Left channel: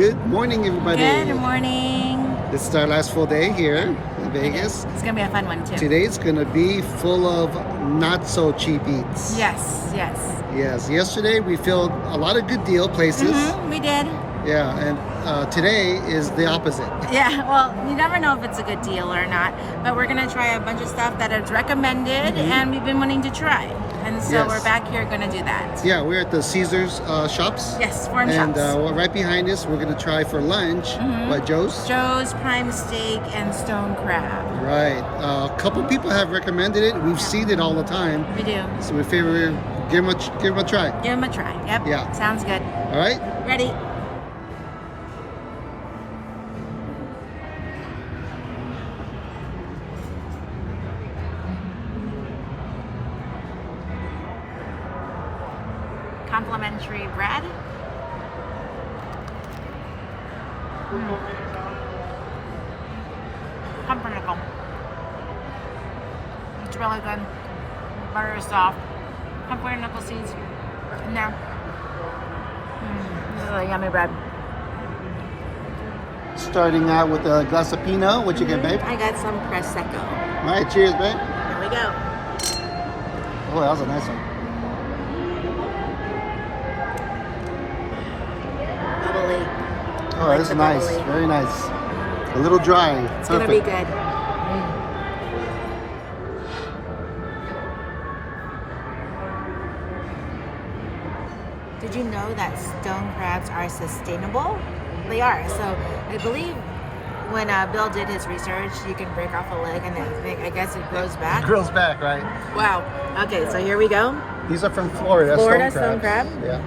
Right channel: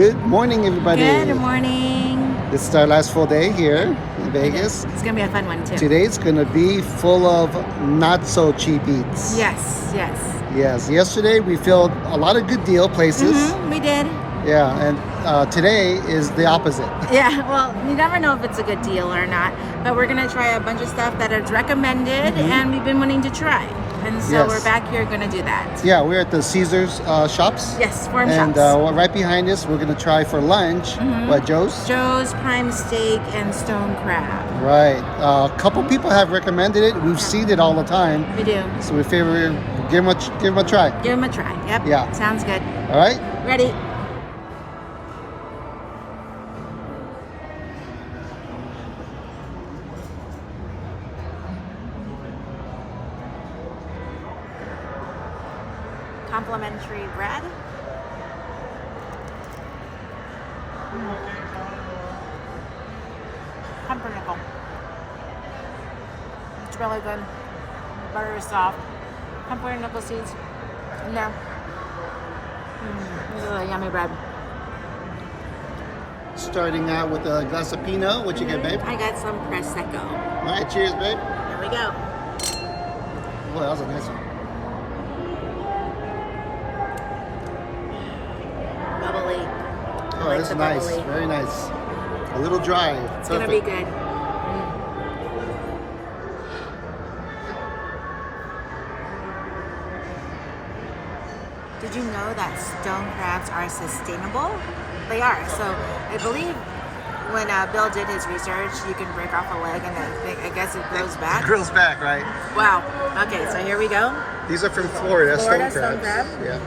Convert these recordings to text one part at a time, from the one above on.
Good morning, everybody. Good morning. This is our last full day here in Vegas. It's going to be a fun one, too. Today's going to be full of not so cheap eats. Yes. Yes. Yesterday we filled a lot of good deal places. We did. Yeah, and today is the opposite. Yeah, well, you never know if it's a good deal or not, but we're going to try a bunch of stuff that is recommended and we've been wanting to try. And so we're back here going to do that. Yeah, we're at the Caesars shops. Yes, Forum and, shops. And right behind us, we're going to try for lunch, what, Joe's? Joe's prime steak and stone crab. Right. A couple people have recommended it. We've seen it all the time. We do. So we figure give them a try. Give them a try. Yep. Yeah. Sounds good. All right. Ready. Complimentary bread. Pumpernickel. It's really good. The butter is soft. Pumpernickel seeds in there. This is a yummy bread. Starting out with a glass of Pinot. What you get, babe? I got some Prosecco. All right, cheers, babe. Here we go. Oh, that was a nice one. Bubbly. Oh, like that's nice. bubbly. Very nice. A little dry. It's going to be good. Did you know that stone crabs are sustainable? They are. So I believe when Bill did his research, you can break off a leg and I guess it grows back. It grows back, right? Wow. Okay, so here we go. These are from Florida, stone stone crabs. crab. Yeah.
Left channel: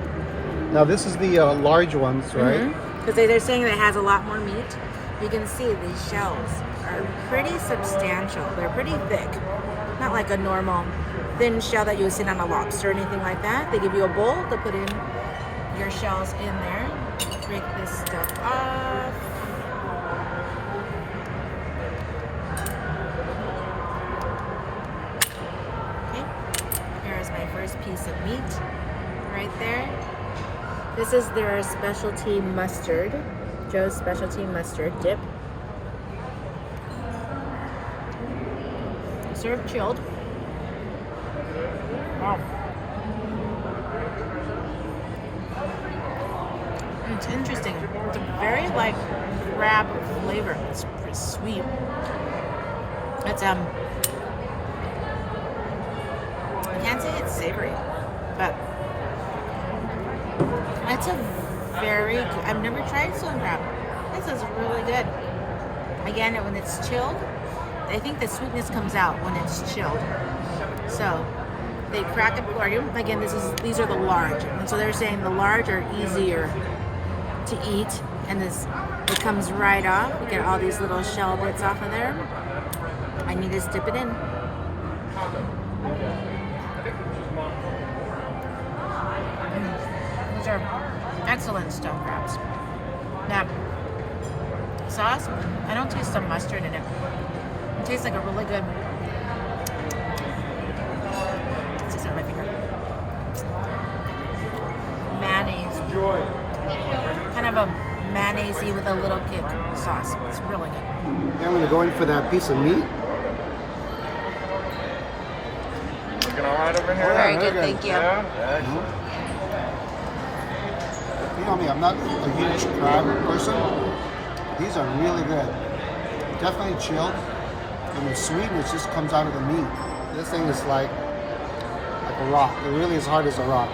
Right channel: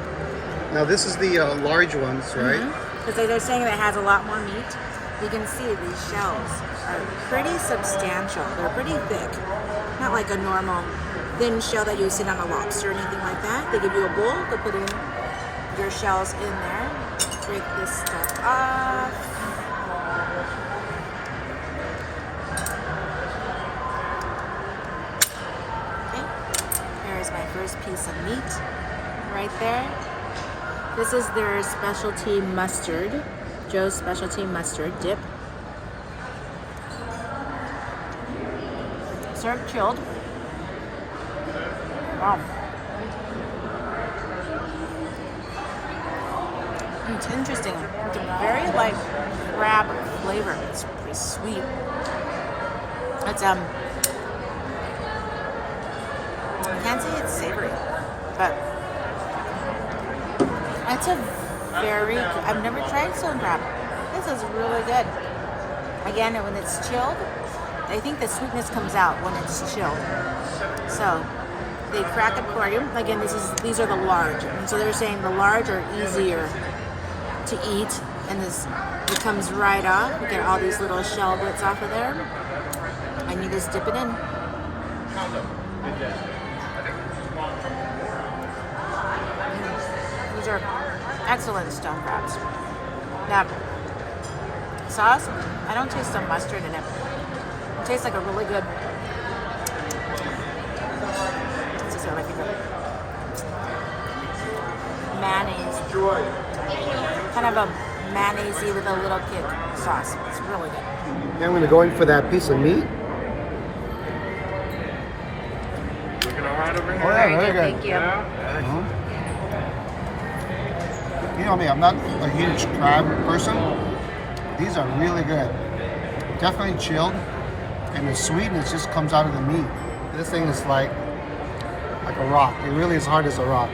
Now this is the large ones, right? Because they're saying that it has a lot more meat. You can see these shells are pretty substantial. They're pretty thick. Not like a normal thin shell that you would sit on a lobster or anything like that. They give you a bowl to put in your shells in there. Break this stuff off. Okay. Here's my first piece of meat right there. This is their specialty mustard, Joe's specialty mustard dip. Served chilled. Wow. It's interesting. It's a very light crab flavor. It's pretty sweet. It's I can't say it's savory, but it's a very good. I've never tried stone crab. This is really good. Again, when it's chilled, I think the sweetness comes out when it's chilled. So they crack it for you. Again, these are the large, and so they're saying the large are easier to eat, and it comes right off. We get all these little shell bits off of there, and you just dip it in. These are excellent stone crabs. That sauce, I don't taste some mustard in it. It tastes like a really good. Let's just see my finger. Mayonnaise. Kind of a mayonnaise-y with a little kick sauce. It's really good. Yeah, I'm going to go in for that piece of meat. Oh, yeah, very good. Thank you. You know me, I'm not a huge crab person. These are really good. Definitely chilled, and the sweetness just comes out of the meat. This thing is like a rock. It really is hard as a rock.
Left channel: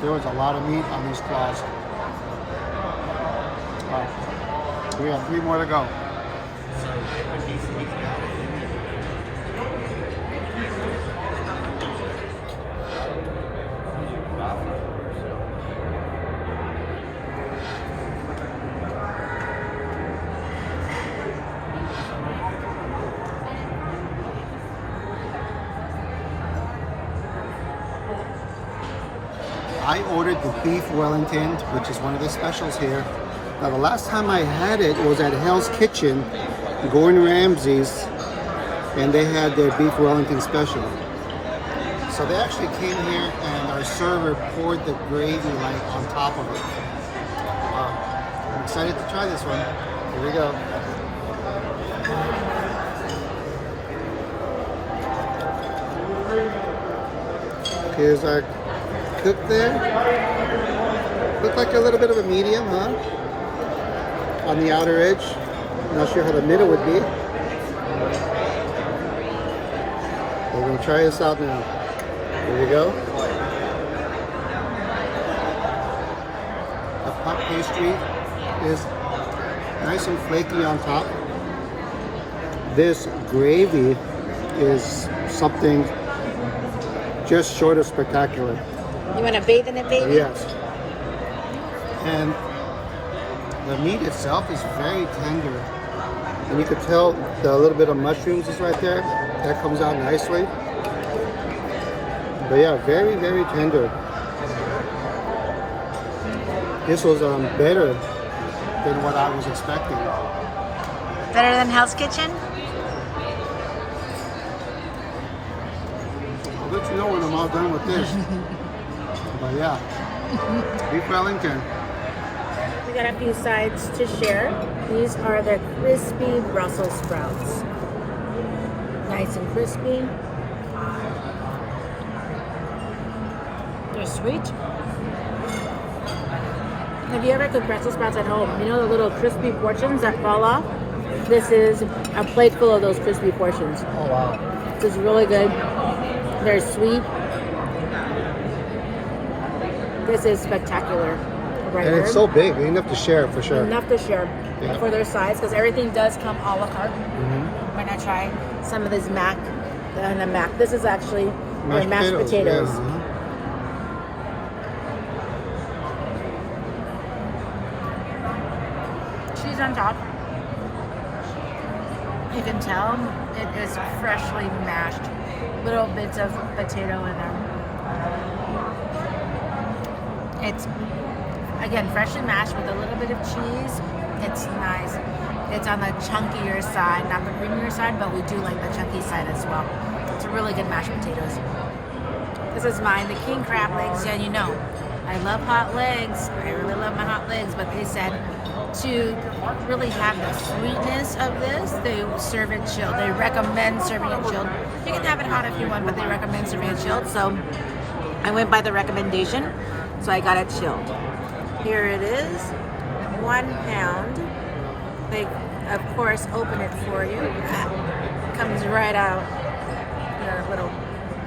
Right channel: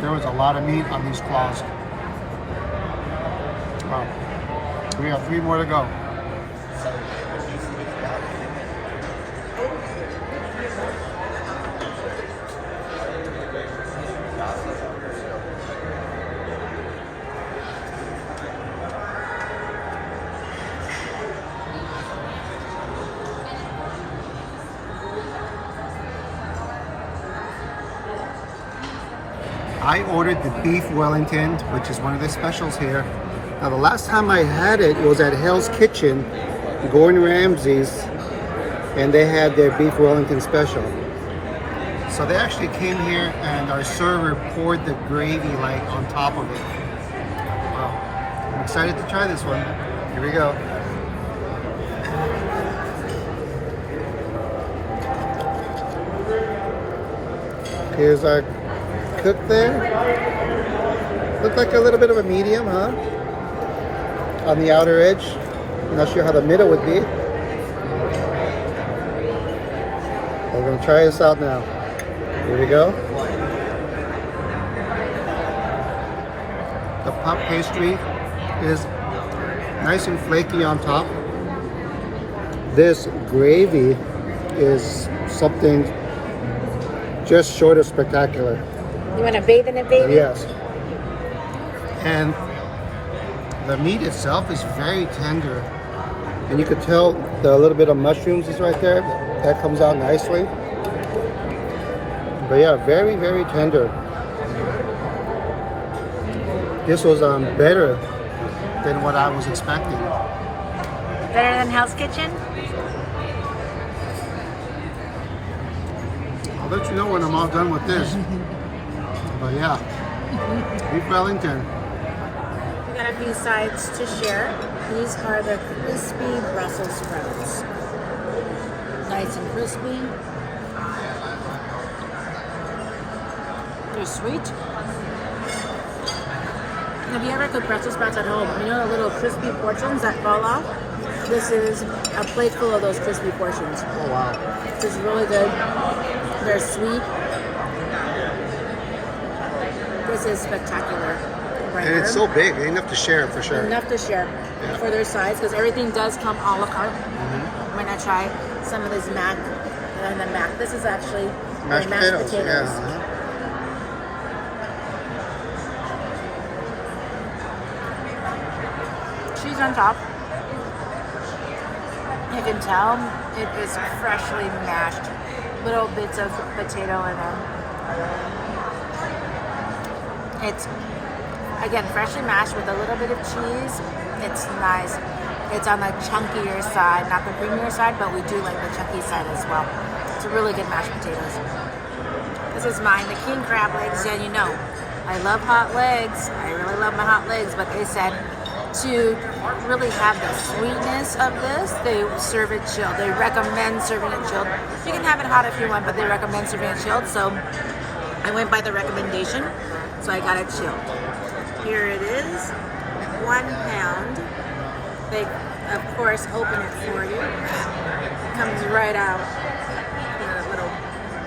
There was a lot of meat on these claws. Wow. We have 3 more to go. I ordered the beef Wellington, which is one of the specials here. Now the last time I had it was at Hell's Kitchen, Gordon Ramsay's, and they had their beef Wellington special. So they actually came here and our server poured the gravy like on top of it. Wow. I'm excited to try this one. Here we go. Here's our cook there. Looked like a little bit of a medium, huh? On the outer edge. I'm not sure how the middle would be. We're gonna try this out now. Here we go. The puff pastry is nice and flaky on top. This gravy is something just short of spectacular. You want to bathe in it, baby? Yes. And the meat itself is very tender. And you could tell the little bit of mushrooms is right there. That comes out nicely. But yeah, very, very tender. This was better than what I was expecting. Better than Hell's Kitchen? I'll let you know when I'm all done with this. But yeah, beef Wellington. We got a few sides to share. These are the crispy Brussels sprouts. Nice and crispy. They're sweet. Have you ever cooked Brussels sprouts at home? You know the little crispy portions that fall off? This is a plate full of those crispy portions. Oh wow. This is really good. They're sweet. This is spectacular. Right And it's here. so big, enough to share for sure. Enough to share for their size because everything does come a la carte. Might not try some of this mac and the mac. This is actually mashed potatoes. Yeah. Cheese on top. You can tell it is freshly mashed. Little bits of potato in them. It's again freshly mashed with a little bit of cheese. It's nice. It's on the chunkier side, not the creamier side, but we do like the chunky side as well. It's a really good mashed potatoes. This is mine, the king crab legs. Yeah, you know, I love hot legs. I really love my hot legs, but they said to really have the sweetness of this, they serve it chilled. They recommend serving it chilled. You can have it hot if you want, but they recommend serving it chilled. So I went by the recommendation, so I got it chilled. Here it is, 1 pound. They, of course, open it for you. Comes right out. There's a little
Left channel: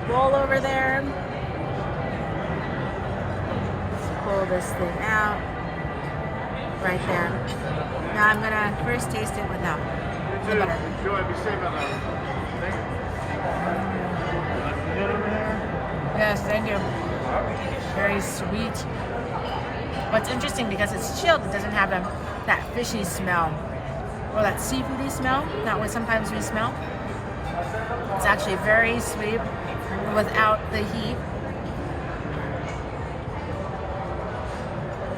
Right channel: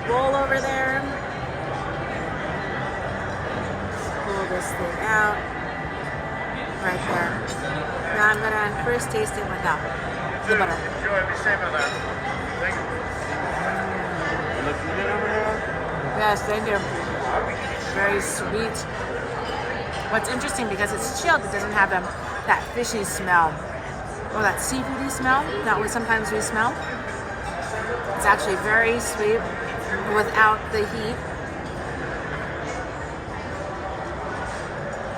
bowl over there. Pull this thing out. Right there. Now I'm gonna first taste it without the butter. Yes, thank you. Very sweet. What's interesting because it's chilled, it doesn't have that fishy smell or that seafoody smell that sometimes we smell. It's actually very sweet without the heat.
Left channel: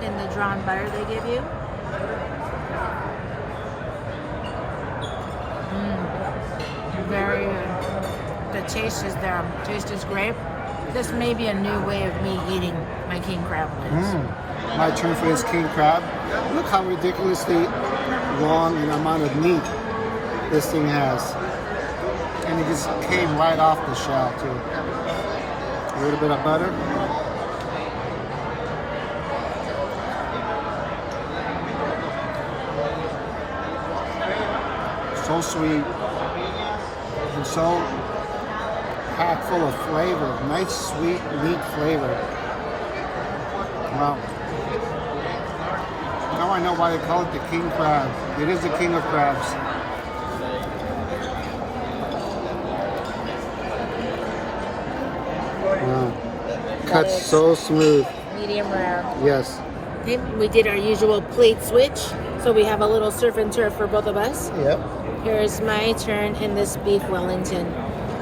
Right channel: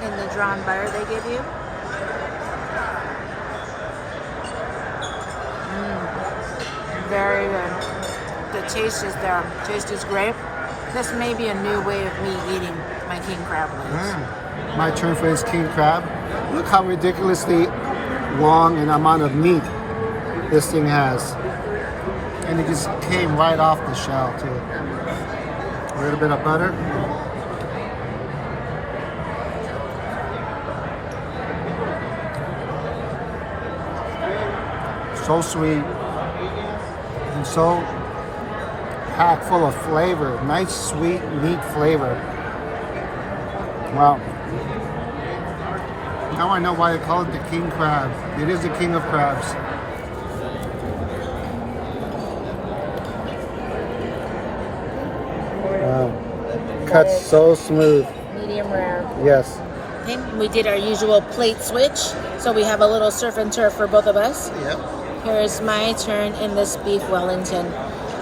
In the drawn butter they give you. Very good. The taste is there. Taste is great. This may be a new way of me eating my king crab legs. My turn for this king crab. Look how ridiculously long an amount of meat this thing has. And it just came right off the shell too. A little bit of butter. So sweet and so packed full of flavor. Nice sweet meat flavor. Wow. Now I know why they call it the king crab. It is the king of crabs. Wow. Cut so smooth. Medium rare. Yes. Okay, we did our usual plate switch, so we have a little surf and turf for both of us. Yep. Here's my turn in this beef Wellington.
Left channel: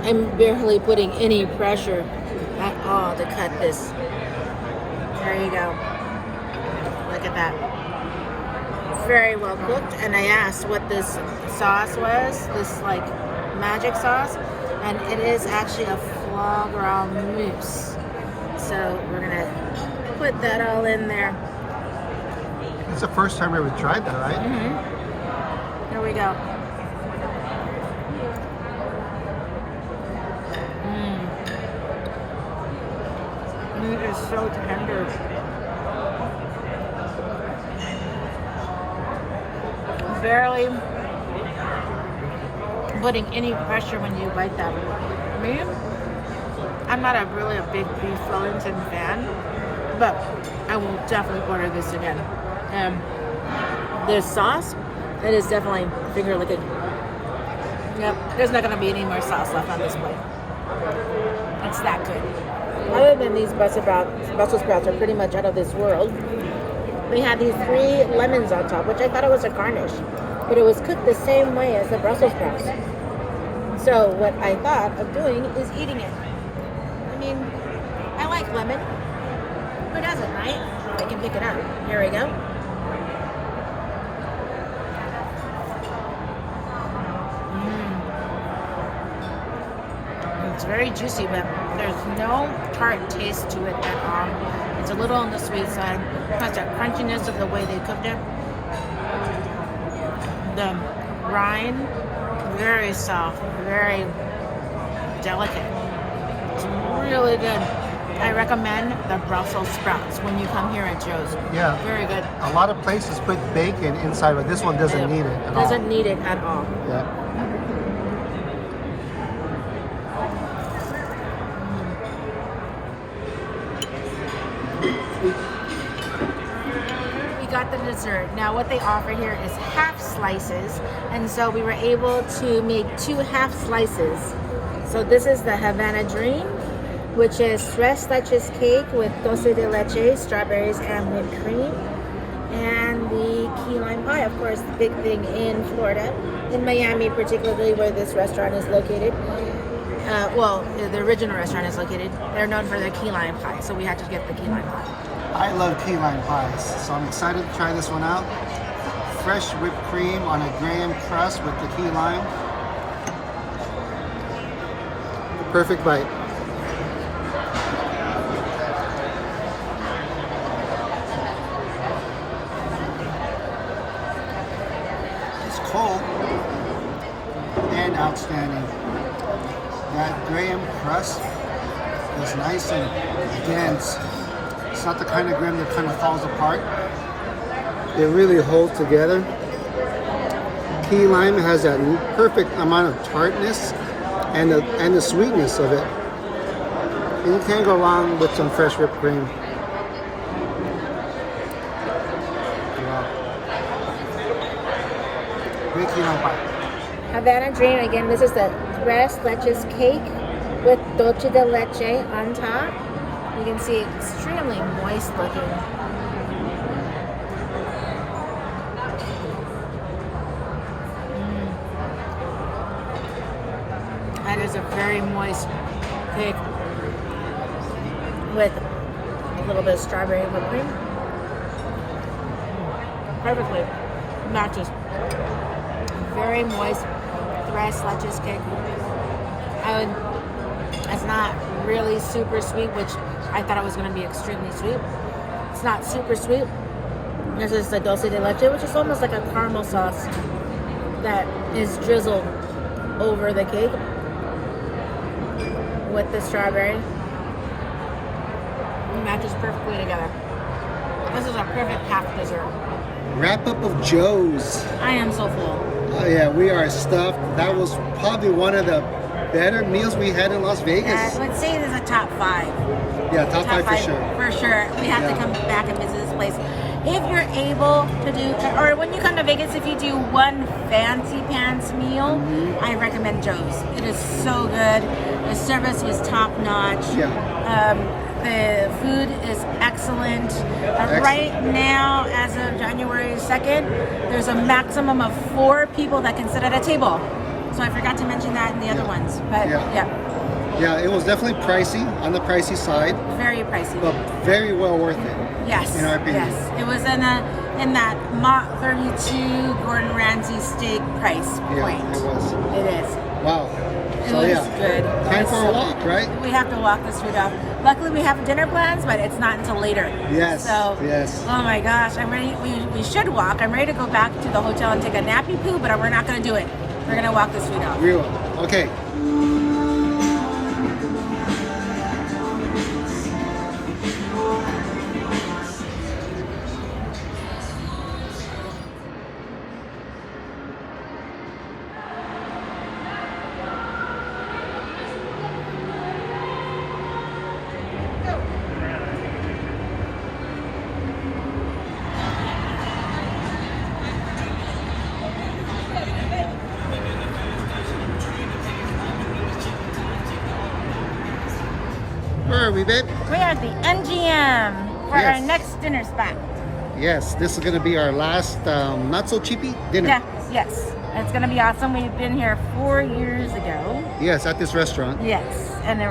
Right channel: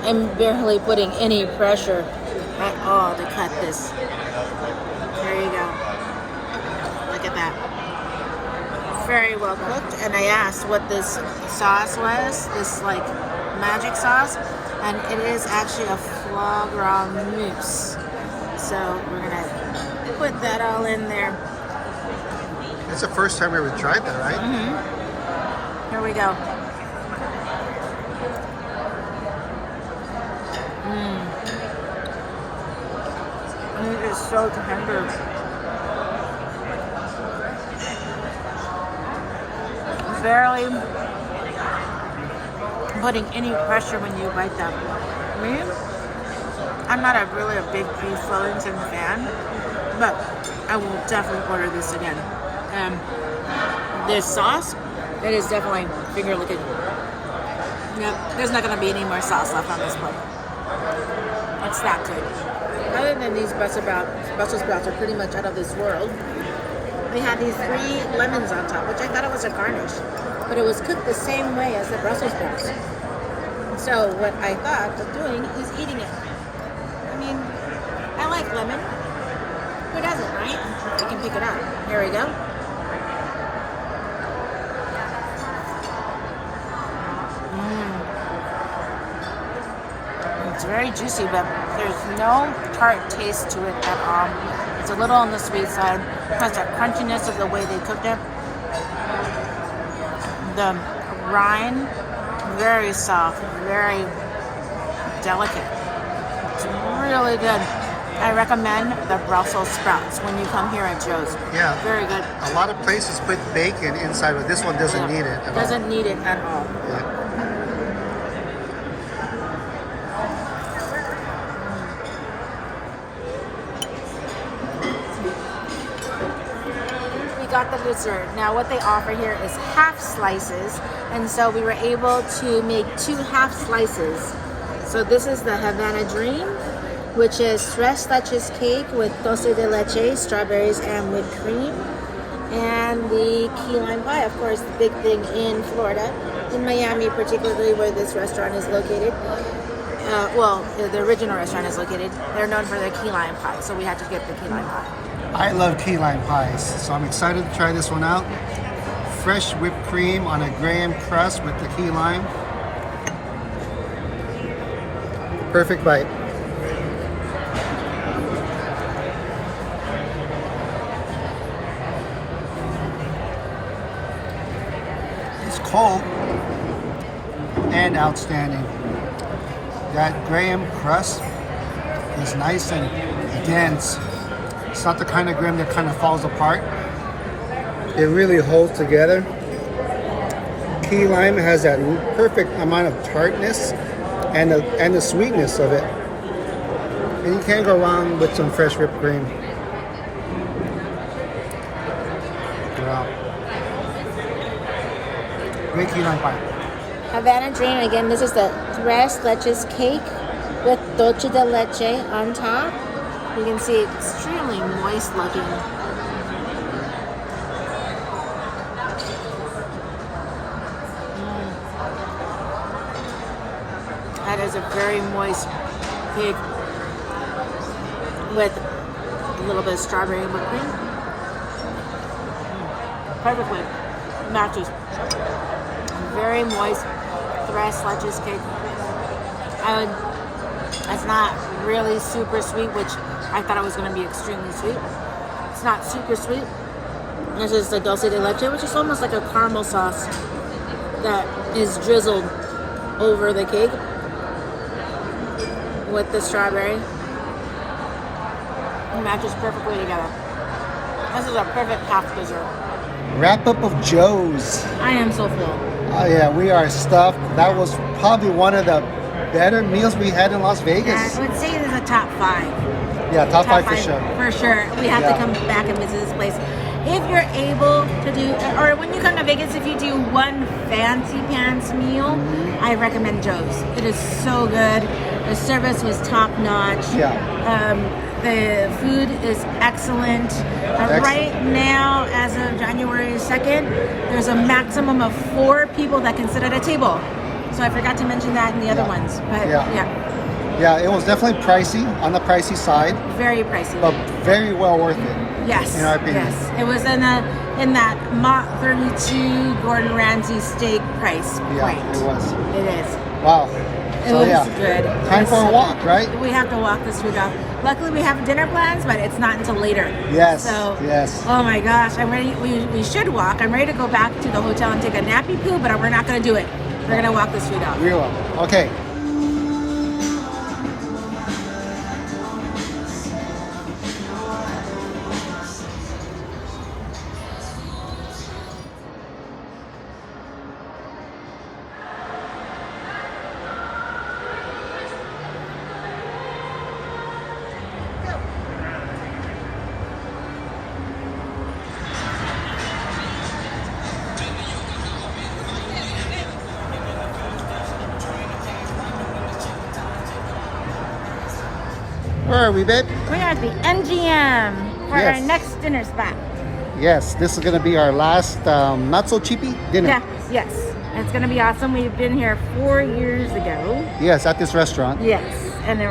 I'm barely putting any pressure at all to cut this. There you go. Look at that. Very well cooked. And I asked what this sauce was. This like magic sauce, and it is actually a foie gras mousse. So we're gonna put that all in there. It's the first time we ever tried that, right? Mm-hmm. Here we go. It is so tender. Barely putting any pressure when you bite them. Me, I'm not really a big beef Wellington fan, but I will definitely order this again. This sauce, it is definitely finger licking. Yep, there's not going to be any more sauce left on this plate. It's that good. Other than these Brussels sprouts are pretty much out of this world. They had these 3 lemons on top, which I thought it was a garnish, but it was cooked the same way as the Brussels sprouts. So what I thought of doing is eating it. I mean, I like lemon. Who doesn't, right? I can pick it up. Here we go. It's very juicy, but there's no tart taste to it at all. It's a little on the sweet side. It has that crunchiness of the way they cooked it. The rind, very soft, very delicate. It's really good. I recommend the Brussels sprouts when you come here at Joe's. Yeah. Very good. A lot of places put bacon inside, but this one doesn't need it at all. Doesn't need it at all. Yeah. Got the dessert. Now what they offer here is half slices, and so we were able to make 2 half slices. So this is the Havana Dream, which is tres leches cake with dulce de leche, strawberries, and whipped cream. And the key lime pie, of course, the big thing in Florida, in Miami particularly, where this restaurant is located. Well, the original restaurant is located. They're known for their key lime pie, so we had to get the key lime pie. I love key lime pies, so I'm excited to try this one out. Fresh whipped cream on a graham crust with the key lime. Perfect bite. It's cold and outstanding. That graham crust is nice and dense. It's not the kind of graham that kind of falls apart. It really holds together. Key lime has that perfect amount of tartness and the sweetness of it. And you can't go wrong with some fresh whipped cream. Wow. Great key lime pie. Havana Dream, again, this is the tres leches cake with dulce de leche on top. You can see it's extremely moist looking. That is a very moist cake with a little bit of strawberry whipped cream. Perfectly matches. Very moist tres leches cake. And it's not really super sweet, which I thought it was going to be extremely sweet. It's not super sweet. This is the dulce de leche, which is almost like a caramel sauce that is drizzled over the cake with the strawberry. It matches perfectly together. This is a perfect half dessert. Wrap up of Joe's. I am so full. Oh yeah, we are stuffed. That was probably one of the better meals we had in Las Vegas. I would say it is a top 5. Yeah, top five for sure. For sure. We have to come back and visit this place. If you're able to do, or when you come to Vegas, if you do one fancy pants meal, I recommend Joe's. It is so good. The service was top notch. Yeah. The food is excellent. Right now, as of January 2nd, there's a maximum of 4 people that can sit at a table. So I forgot to mention that in the other ones. But yeah, it was definitely pricey, on the pricey side. Very pricey. But very well worth it. Yes. In our opinion. Yes. It was in that Mach 32 Gordon Ramsay steak price point. Yeah, it was. It is. Wow. It So looks yeah, good. time for a walk, right? We have to walk this food off. Luckily, we have dinner plans, but it's not until later. Yes. So, yes. oh my gosh, I'm ready. We should walk. I'm ready to go back to the hotel and take a nappy poo, but we're not going to do it. We're going to walk this food off. We will. Okay. Where are we, babe? We're at the NGM for Yes. our next dinner spot. Yes, this is gonna be our last not so cheapy dinner. Yeah, yes. It's going to be awesome. We've been here 4 years ago. Yes, at this restaurant. Yes, and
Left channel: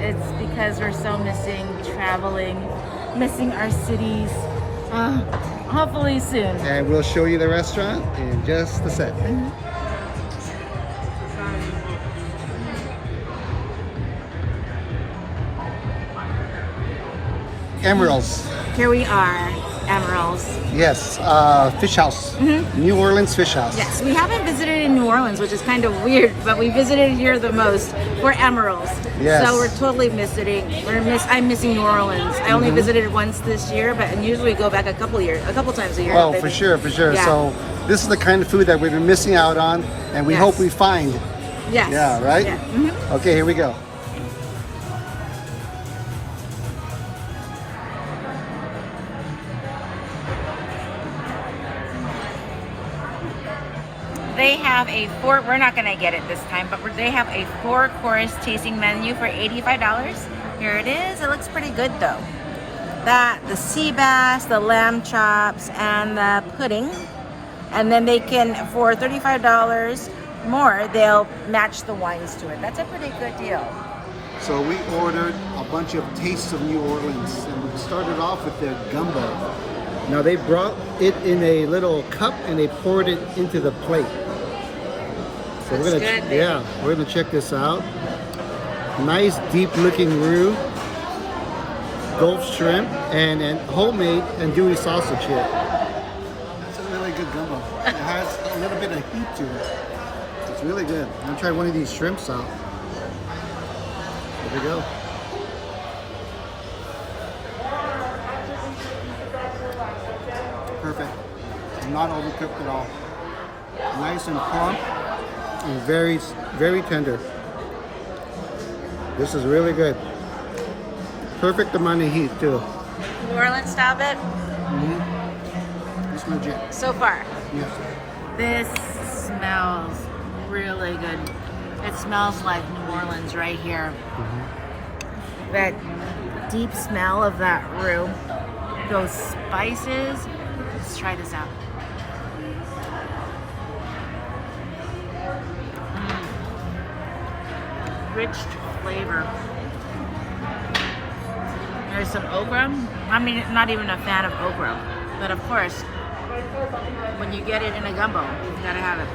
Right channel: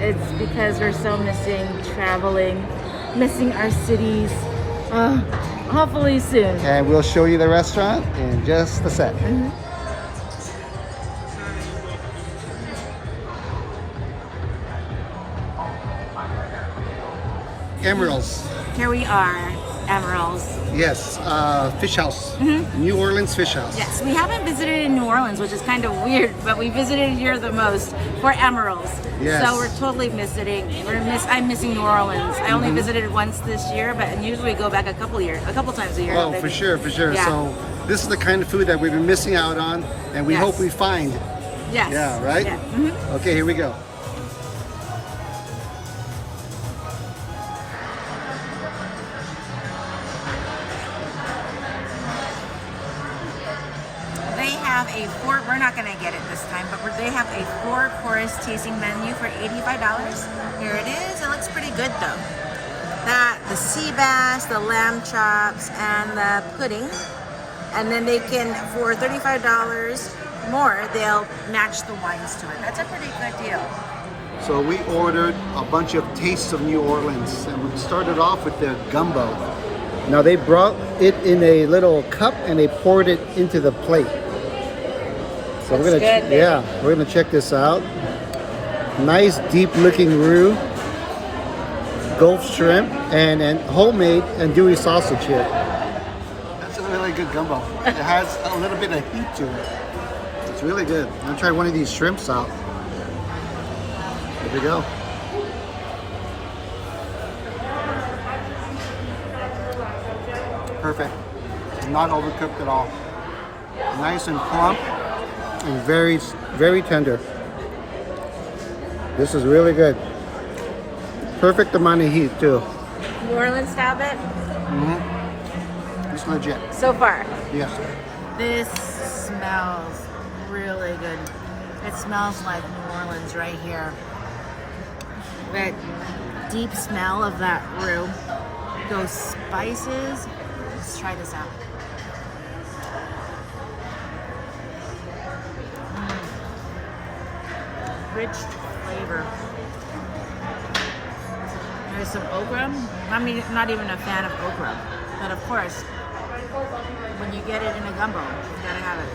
it's because we're so missing traveling, missing our cities. Hopefully soon. And we'll show you the restaurant in just a sec. Emeril's. Here we are, Emerils. Yes, Fish House. New Orleans Fish House. Yes, we haven't visited in New Orleans, which is kind of weird, but we visited here the most for Emerils. Yes. So we're totally missing. I'm missing New Orleans. I only visited once this year, but and usually we go back a couple times a year. Oh, for sure, for sure. Yeah. So this is the kind of food that we've been missing out on, and we Yes. hope we find. Yes. Yeah, right? Yeah. Okay, here we go. They have a we're not going to get it this time, but they have a 4-course tasting menu for $85. Here it is. It looks pretty good though. The sea bass, the lamb chops, and the pudding. And then they can, for $35 more, they'll match the wines to it. That's a pretty good deal. So we ordered a bunch of tastes of New Orleans, and we started off with the gumbo. Now they brought it in a little cup and they poured it into the plate. So Looks good, baby. yeah, we're gonna check this out. Nice deep looking roux, Gulf shrimp, and homemade andouille sausage here. That's a really good gumbo. It has a little bit of heat to it. It's really good. I'm gonna try one of these shrimps out. Here we go. Perfect. Not overcooked at all. Nice and plump and very, very tender. This is really good. Perfect amount of heat too. New Orleans style bit? It's legit. So far. Yes. This smells really good. It smells like New Orleans right here. That deep smell of that roux, those spices. Let's try this out. Rich flavor. There's some okra. I mean, not even a fan of okra, but of course, when you get it in a gumbo, you gotta have it.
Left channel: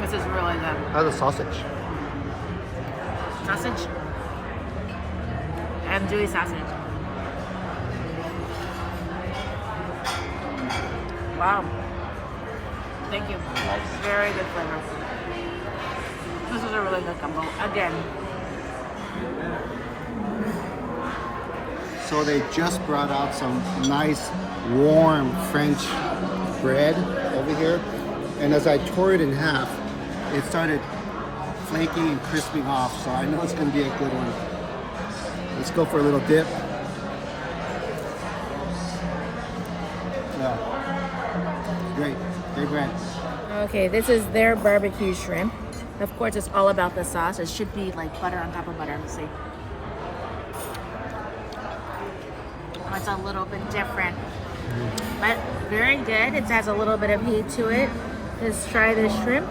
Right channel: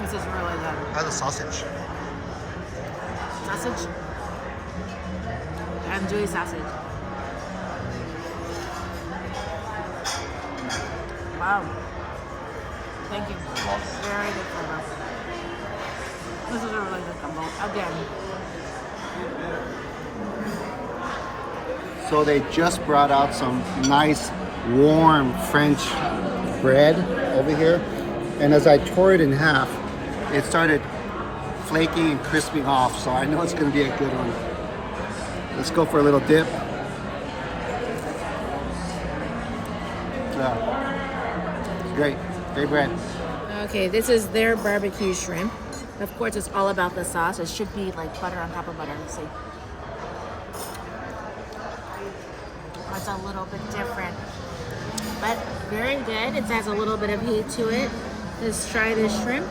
This is really good. How's the sausage? Sausage? Andouille sausage. Wow. Thank you. Very good flavor. This is a really good gumbo. Again. So they just brought out some nice warm French bread over here. And as I tore it in half, it started flaking and crisping off. So I know it's going to be a good one. Let's go for a little dip. Yeah. Great. Great bread. Okay, this is their barbecue shrimp. Of course, it's all about the sauce. It should be like butter on top of butter. Let's see. It's a little bit different, but very good. It has a little bit of heat to it. Let's try this shrimp.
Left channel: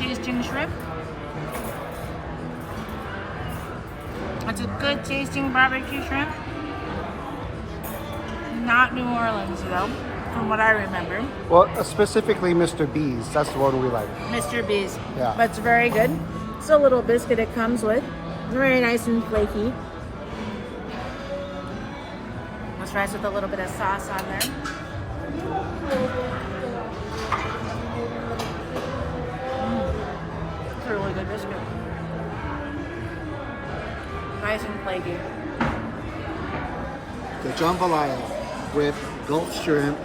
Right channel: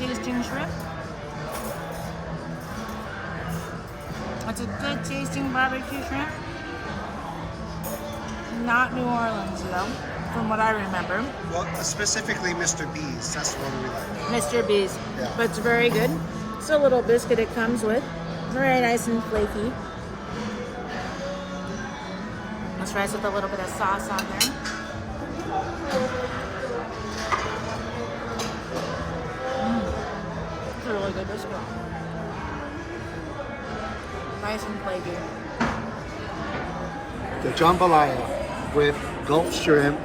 tasting shrimp. It's a good tasting barbecue shrimp. Not New Orleans though, from what I remember. Well, specifically Mr. B's. That's what we like. Mr. B's. Yeah. But it's very good. It's a little biscuit it comes with. Very nice and flaky. Let's rice with a little bit of sauce on there. It's a really good biscuit. Nice and flaky. The jambalaya with Gulf shrimp,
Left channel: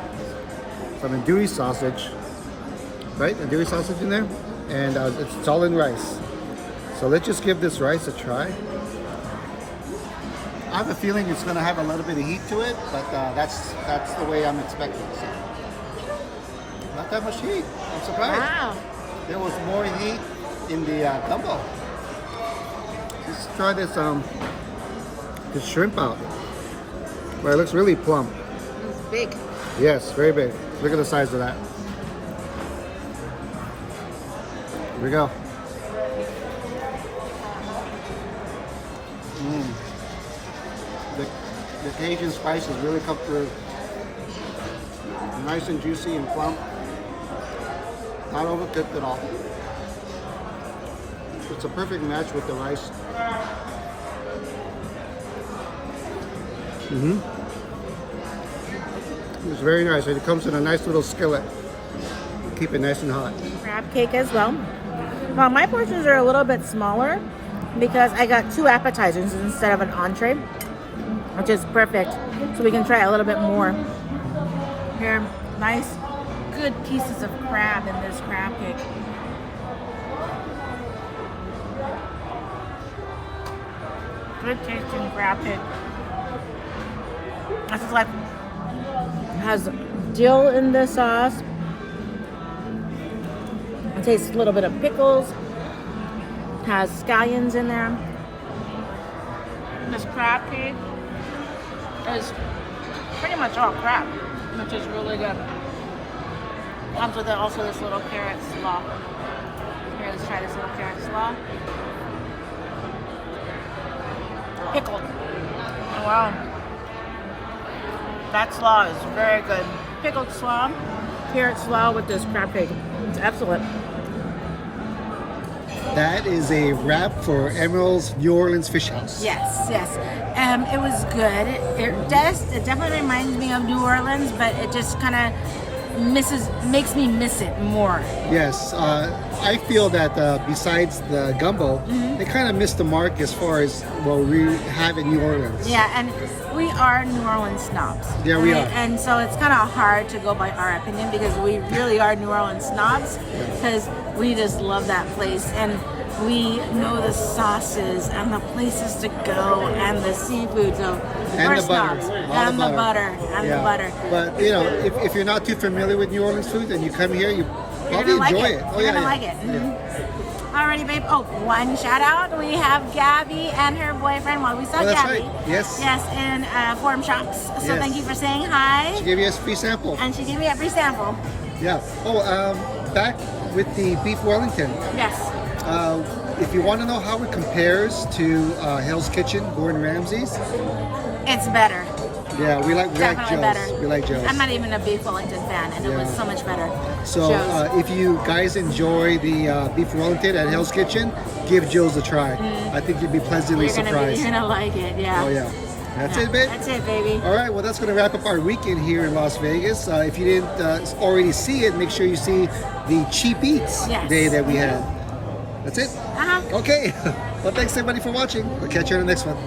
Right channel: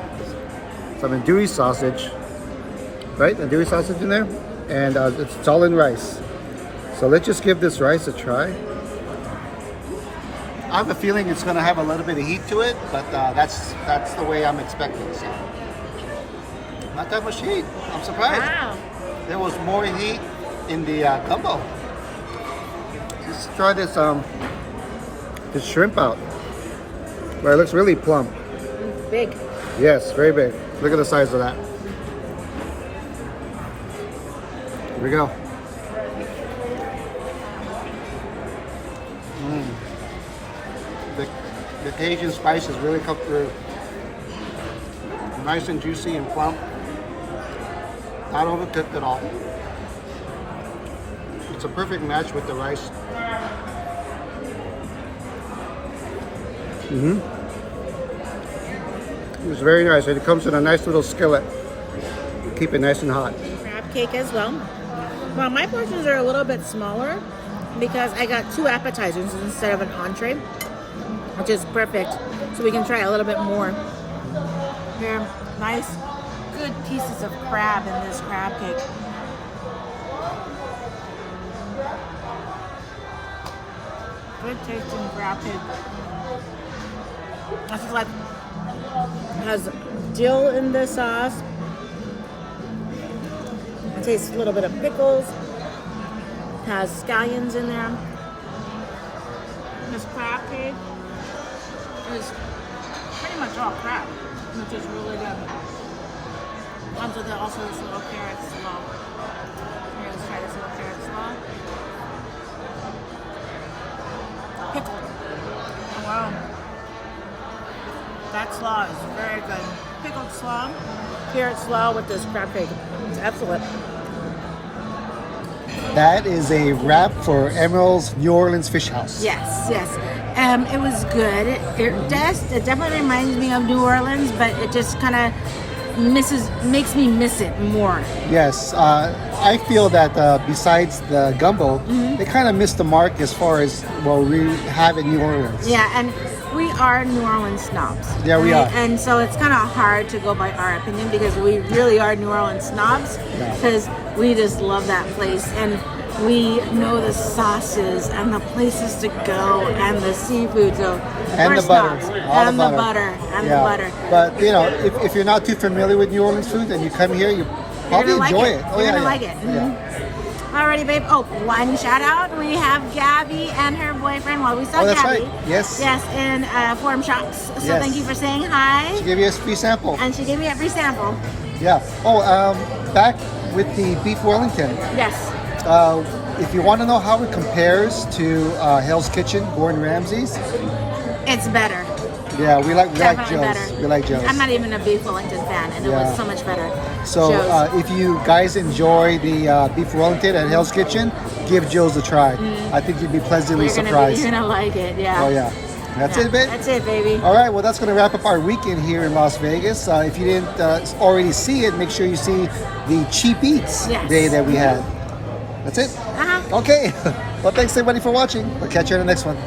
some andouille sausage, right? Andouille sausage in there, and it's all in rice. So let's just give this rice a try. I have a feeling it's going to have a little bit of heat to it, but that's the way I'm expecting. So not that much heat. I'm surprised. Wow. There was more heat in the gumbo. Let's try this shrimp out. Well, it looks really plump. It's big. Yes, very big. Look at the size of that. Here we go. The Cajun spices really come through. Nice and juicy and plump. Not overcooked at all. It's a perfect match with the rice. It's very nice, and it comes in a nice little skillet. Keep it nice and hot. Crab cake as well. Well, my portions are a little bit smaller because I got 2 appetizers instead of an entree, which is perfect. So we can try a little bit more. Here, nice, good pieces of crab in this crab cake. Good tasting crab cake. This is like, has dill in the sauce. It tastes a little bit of pickles. Has scallions in there. This crab cake is pretty much all crab, which is really good. Comes with it also this little carrot slaw. Here, let's try this little carrot slaw. Pickled. Oh, wow. That slaw is very good. Pickled slaw, carrot slaw with this crab cake. It's excellent. That is a wrap for Emeril's New Orleans Fish House. Yes, yes. It was good. It definitely reminds me of New Orleans, but it just kind of makes me miss it more. Yes, I feel that besides the gumbo, they kind of missed the mark as far as what we have in New Orleans. Yeah, and we are New Orleans snobs. Yeah, we are. And so it's kind of hard to go by our opinion because we really are New Orleans snobs because we just love that place and we know the sauces and the places to go and the seafood. So and we're the butter. snobs. All and the the butter. And the butter. But, you know, if you're not too familiar with New Orleans food and you come here, you probably enjoy it. Oh, You're yeah, gonna like it. Alrighty, babe. Oh, one shout out. We have Gabby and her boyfriend. Well, we saw Oh, that's Gabby. right. Yes. Yes, in Forum Shops. So Yes. thank you for saying hi. She gave you a free sample. And she gave me a free sample. Yeah. Oh, back with the beef Wellington. Yes. If you want to know how it compares to Hell's Kitchen, Gordon Ramsay's, It's better. yeah, we like Definitely Joe's. better. We like Joe's. I'm not even a beef Wellington fan, and it Yeah. was so much better. So Joe's. if you guys enjoy the beef Wellington at Hell's Kitchen, give Joe's a try. I think you'd be pleasantly surprised. You're gonna like it, yeah. Oh yeah. That's Yeah, it, babe? That's it, baby. All right, well, that's going to wrap up our weekend here in Las Vegas. If you didn't already see it, make sure you see the Cheap Eats Yes. day that we had. That's it? Uh-huh. Okay. Well, thanks everybody for watching. We'll catch you on the next one.